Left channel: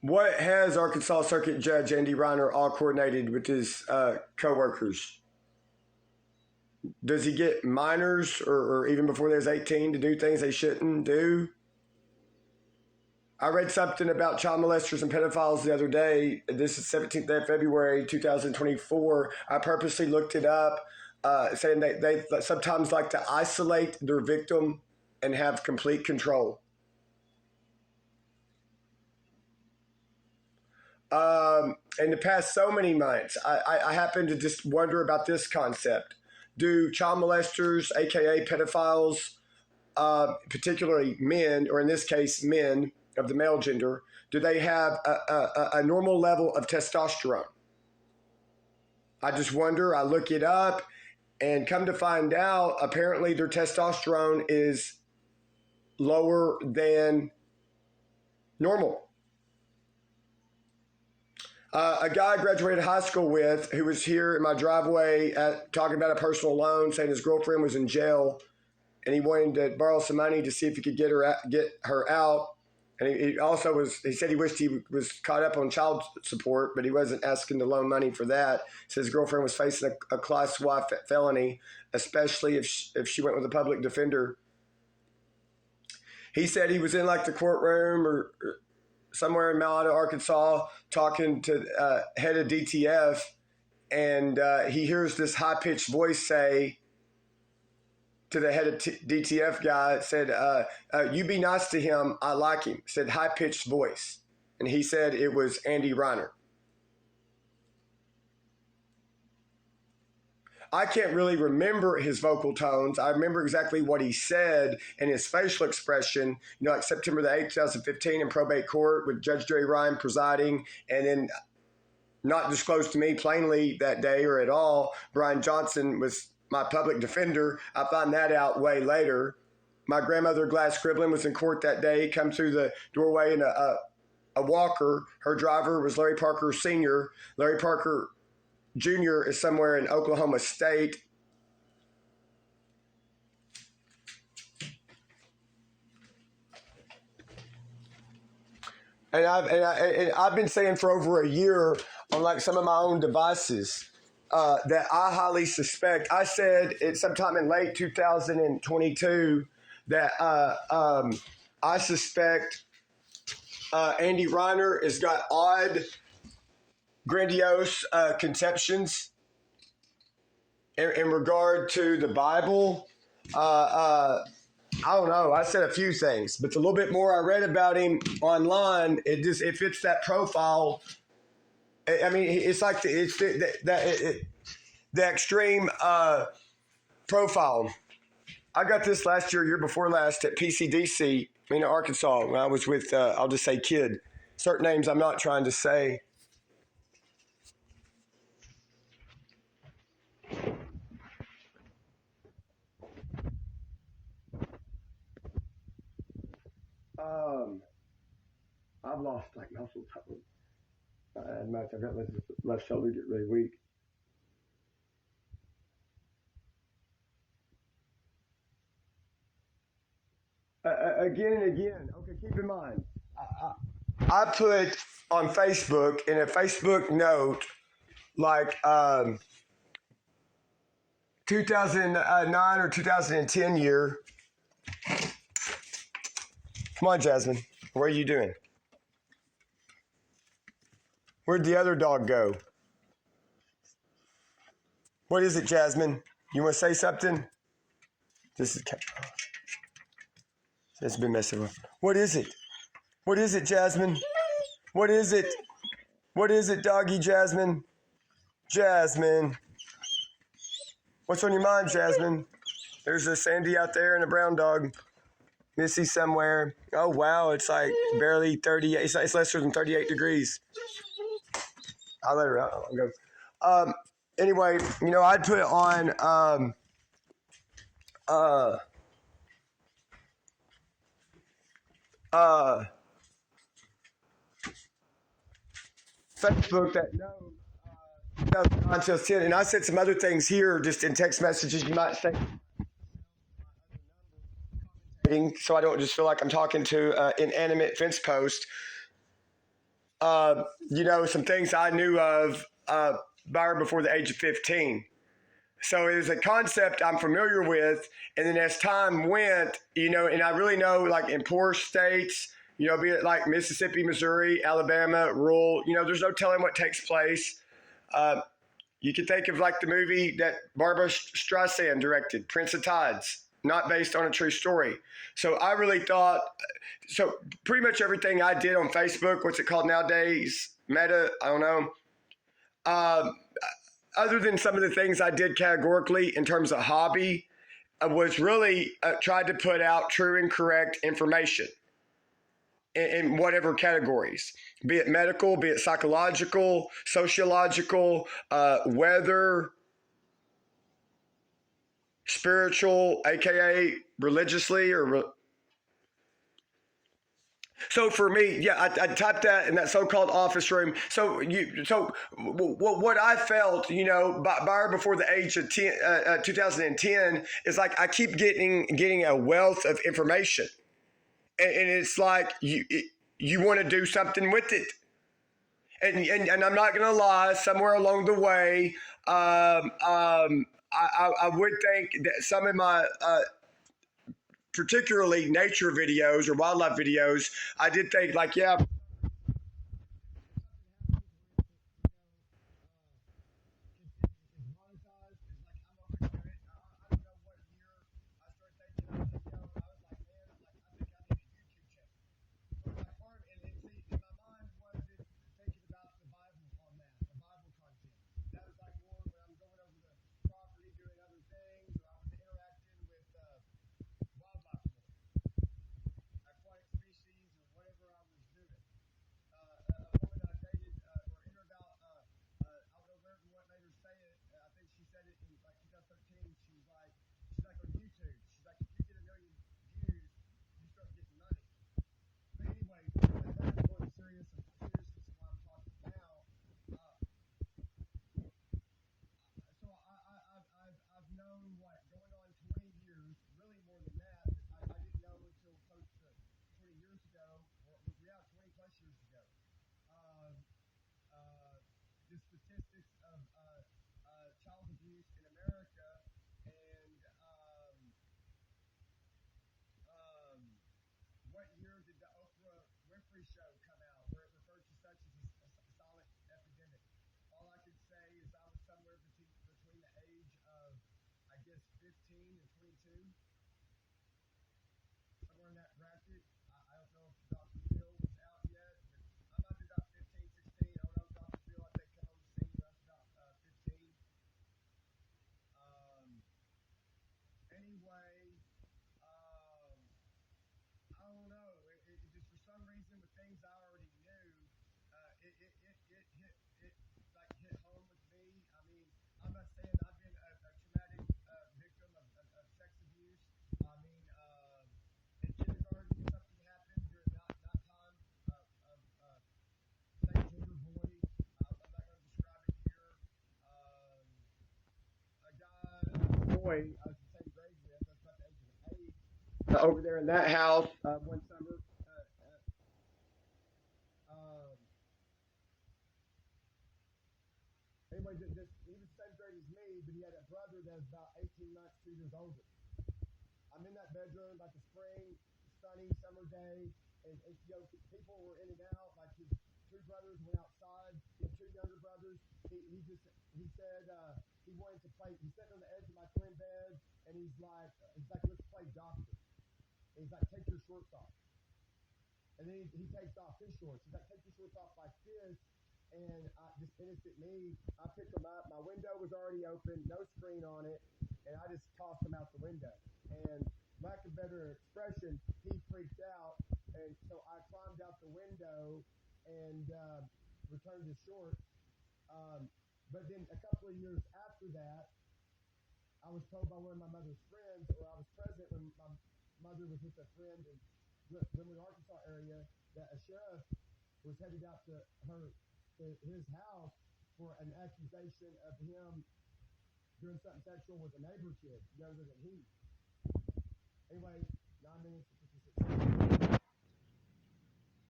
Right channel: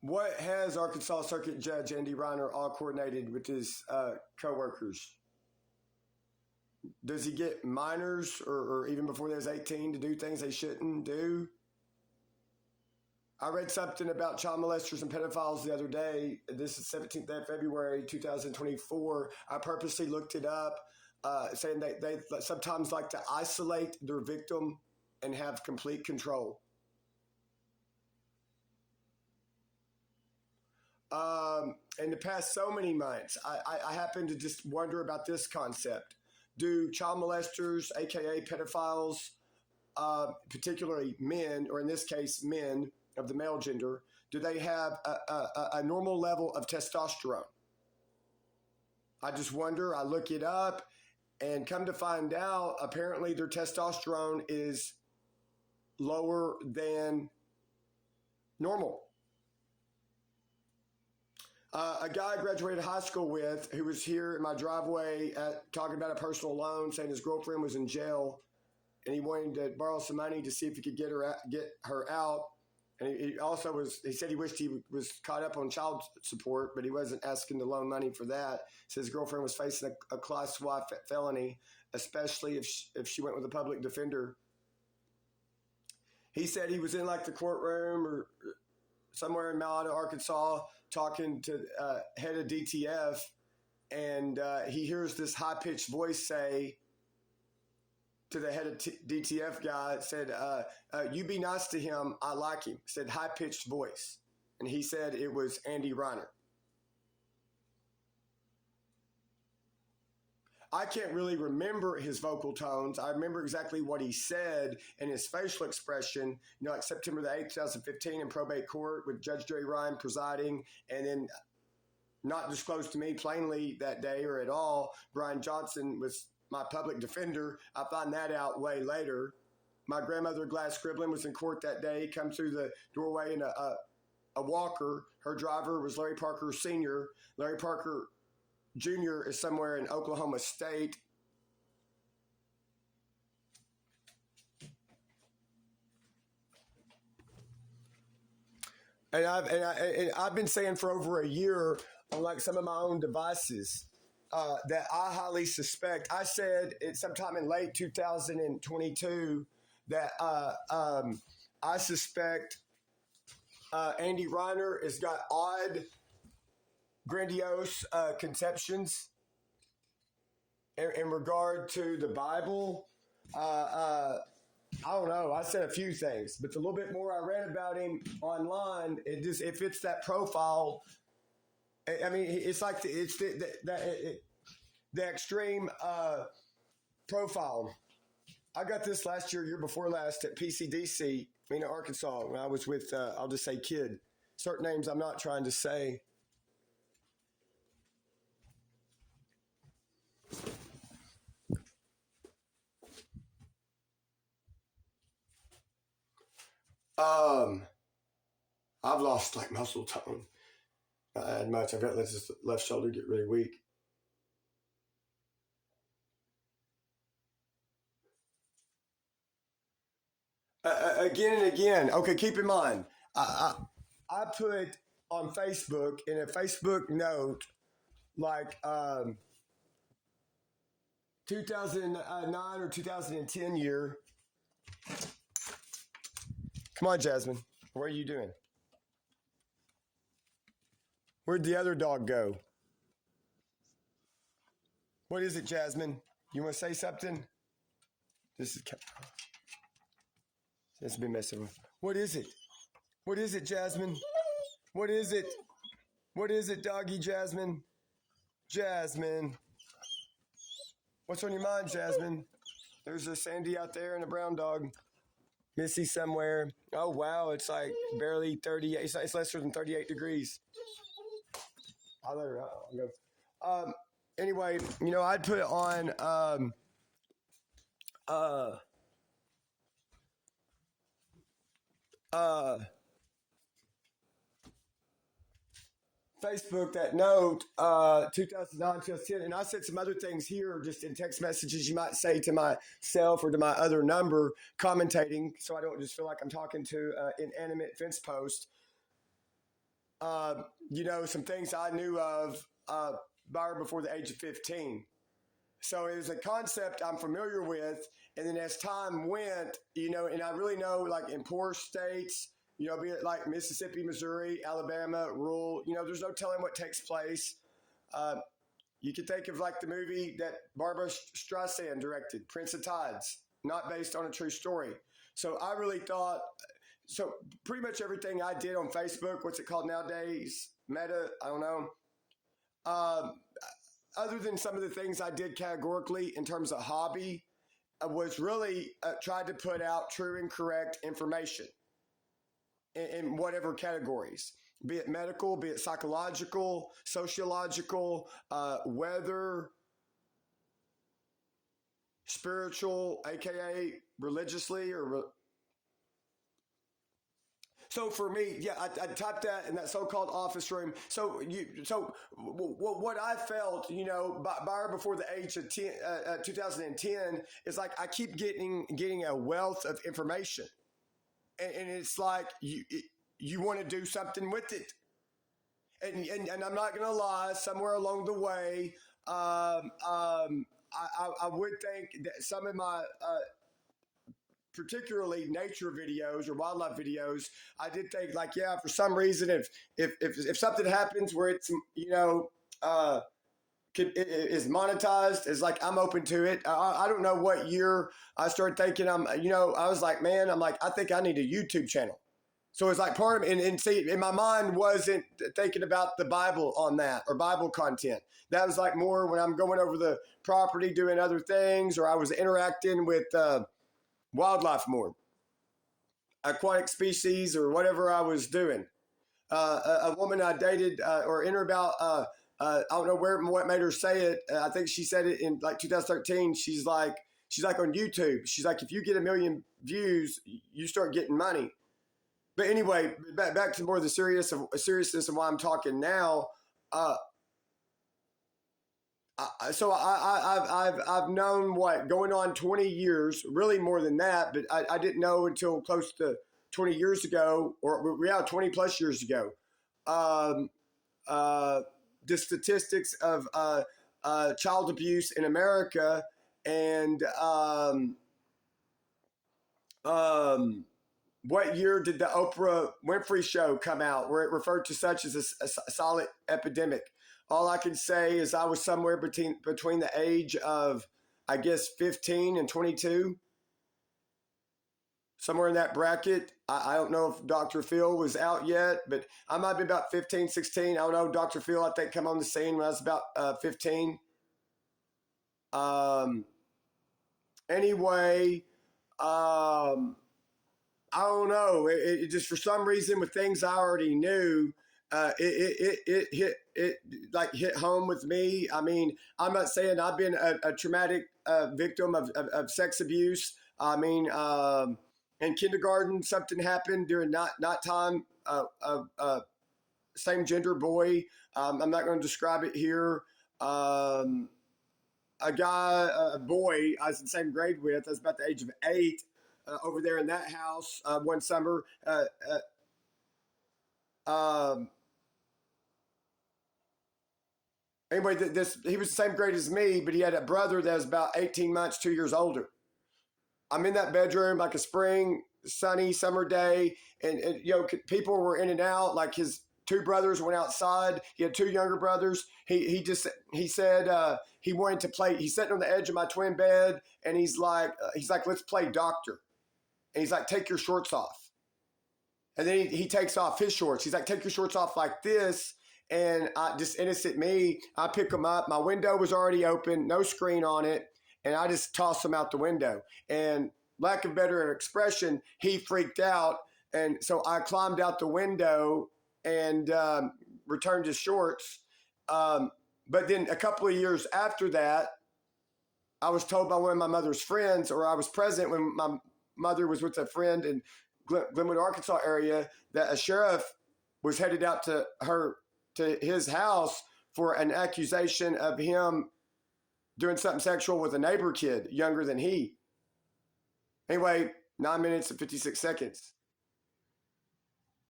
What has Arkansas Circuit Judge Andy Reiner all coordinated with his co-workers? Does he get minors or even before they're 18 to do things they shouldn't do? I read something about child molesters and pedophiles the other day. This is 17th of February, 2024. I purposely looked it up, saying they sometimes like to isolate their victim and have complete control. In the past so many months, I happen to just wonder about this concept. Do child molesters, aka pedophiles, particularly men, or in this case, men of the male gender, do they have a normal level of testosterone? I just wonder. I look it up and come to find out, apparently their testosterone is lower than normal. A guy I graduated high school with who was here in my driveway talking about a personal loan, saying his girlfriend was in jail and he wanted to borrow some money to see if he could get her out. And he said he wished he was caught up on child support, but he wasn't asking to loan money for that. He said his girlfriend was facing a class Y felony, especially if she went with a public defender. He said he was in like the courtroom or somewhere in Malata, Arkansas, talking to head of DTF, and he hears this high-pitched voice say to the head of DTF guy, said, you be nice to him, I like him, said high-pitched voice. And he said it was Andy Reiner. I can't really remember his vocal tones. I remember exactly what he said and his facial expression, like September the 8th, 2015 in probate court with Judge Jerry Ryan presiding, and then not disclosed to me plainly that day or at all, Brian Johnson was my public defender. I found that out way later. My grandmother, Glass Scriblin, was in court that day, come through the doorway in a walker. Her driver was Larry Parker Sr. Larry Parker Jr. is somewhere in Oklahoma State. And I've been saying for over a year on like some of my own devices that I highly suspect. I said it sometime in late 2022 that I suspect Andy Reiner has got odd, grandiose conceptions in regard to the Bible. I don't know. I said a few things, but the little bit more I read about him online, it fits that profile. I mean, it's like the extreme profile. I got this last year before last at PCDC in Arkansas when I was with, I'll just say kid. Certain names I'm not trying to say. I've lost like muscle tone. I've got this left shoulder get really weak. Again and again. Okay, keep in mind, I put on Facebook in a Facebook note like 2009 or 2010 year. Come on, Jasmine. What are you doing? Where'd the other dog go? What is it, Jasmine? You want to say something? This has been messing with. What is it? What is it, Jasmine? What is it? What is it, doggy Jasmine? Jasmine. What's on your mind, Jasmine? There's a Sandy out there and a brown dog. Missy somewhere. Oh, wow. It's like barely 38. It's lesser than 38 degrees. I'll let her out. I'll go. Anyway, I'd put on Facebook that note, 2009, 2010, and I said some other things here just in text messages you might say to myself or to my other number, commentating, so I don't just feel like I'm talking to an inanimate fence post. some things I knew of by or before the age of 15. So it was a concept I'm familiar with. And then as time went, and I really know like in poor states, be it like Mississippi, Missouri, Alabama, rural, there's no telling what takes place. Uh, you can think of like the movie that Barbara Streisand directed, Prince of Tides, not based on a true story. So I really thought, so pretty much everything I did on Facebook, what's it called nowadays? Meta, I don't know. Um, Other than some of the things I did categorically in terms of hobby, was really tried to put out true and correct information in whatever categories, be it medical, be it psychological, sociological, weather, spiritual, aka religiously or so for me, yeah, I typed that in that so-called office room. What I felt, by or before the age of 2010, is like I keep getting a wealth of information, and it's like you want to do something with it, and I'm not gonna lie, somewhere along the way, I would think that some of my particularly nature videos or wildlife videos, I did think like, yeah, for some reason, if something happens where it's uh, is monetized, it's like I'm open to it. I don't know what year I started thinking I was like, man, I'm like, I think I need a YouTube channel. So it's like part of and see, in my mind wasn't thinking about the Bible on that or Bible content. That was like more when I'm going over the property, doing other things, or I was interacting with wildlife more, aquatic species, or whatever I was doing. A woman I dated or interviewed about, I don't know what made her say it. I think she said it in like 2013. She's like on YouTube. She's like, if you get 1 million views, you start getting money. But anyway, back to more of the seriousness of why I'm talking now. So I've known what going on 20 years, really more than that, but I didn't know until close to 20 years ago, or 20 plus years ago, the statistics of child abuse in America, and what year did the Oprah Winfrey show come out where it referred to such as a silent epidemic? All I can say is I was somewhere between the age of, I guess, 15 and 22. Somewhere in that bracket. I don't know if Dr. Phil was out yet, but I might be about 15, 16. I don't know. Dr. Phil, I think, come on the scene when I was about 15. Anyway, I don't know. It just, for some reason, with things I already knew, it hit home with me. I mean, I'm not saying I've been a traumatic victim of sex abuse. I mean, in kindergarten, something happened during night time. Same gender boy. I'm not going to describe it here. A boy I was in the same grade with. I was about the age of 8. Over there in that house one summer. Anyway, he was the same grade as me, but he had a brother that was about 18 months, 2 years older. I'm in that bedroom like a spring, sunny summer day, and people were in and out. Like his 2 brothers went outside. He had 2 younger brothers. He said he wanted to play. He's sitting on the edge of my twin bed, and he's like, let's play doctor. And he's like, take your shorts off. And then he takes off his shorts. He's like, take your shorts off like this. And just innocent me, I pick them up. My window was already open, no screen on it. And I just toss them out the window. And lack of better expression, he freaked out. And so I climbed out the window and returned his shorts. But then a couple of years after that, I was told by one of my mother's friends, or I was present when my mother was with a friend in Glenwood, Arkansas area, that a sheriff was headed out to his house for an accusation of him doing something sexual with a neighbor kid younger than he. Anyway, 9 minutes and 56 seconds.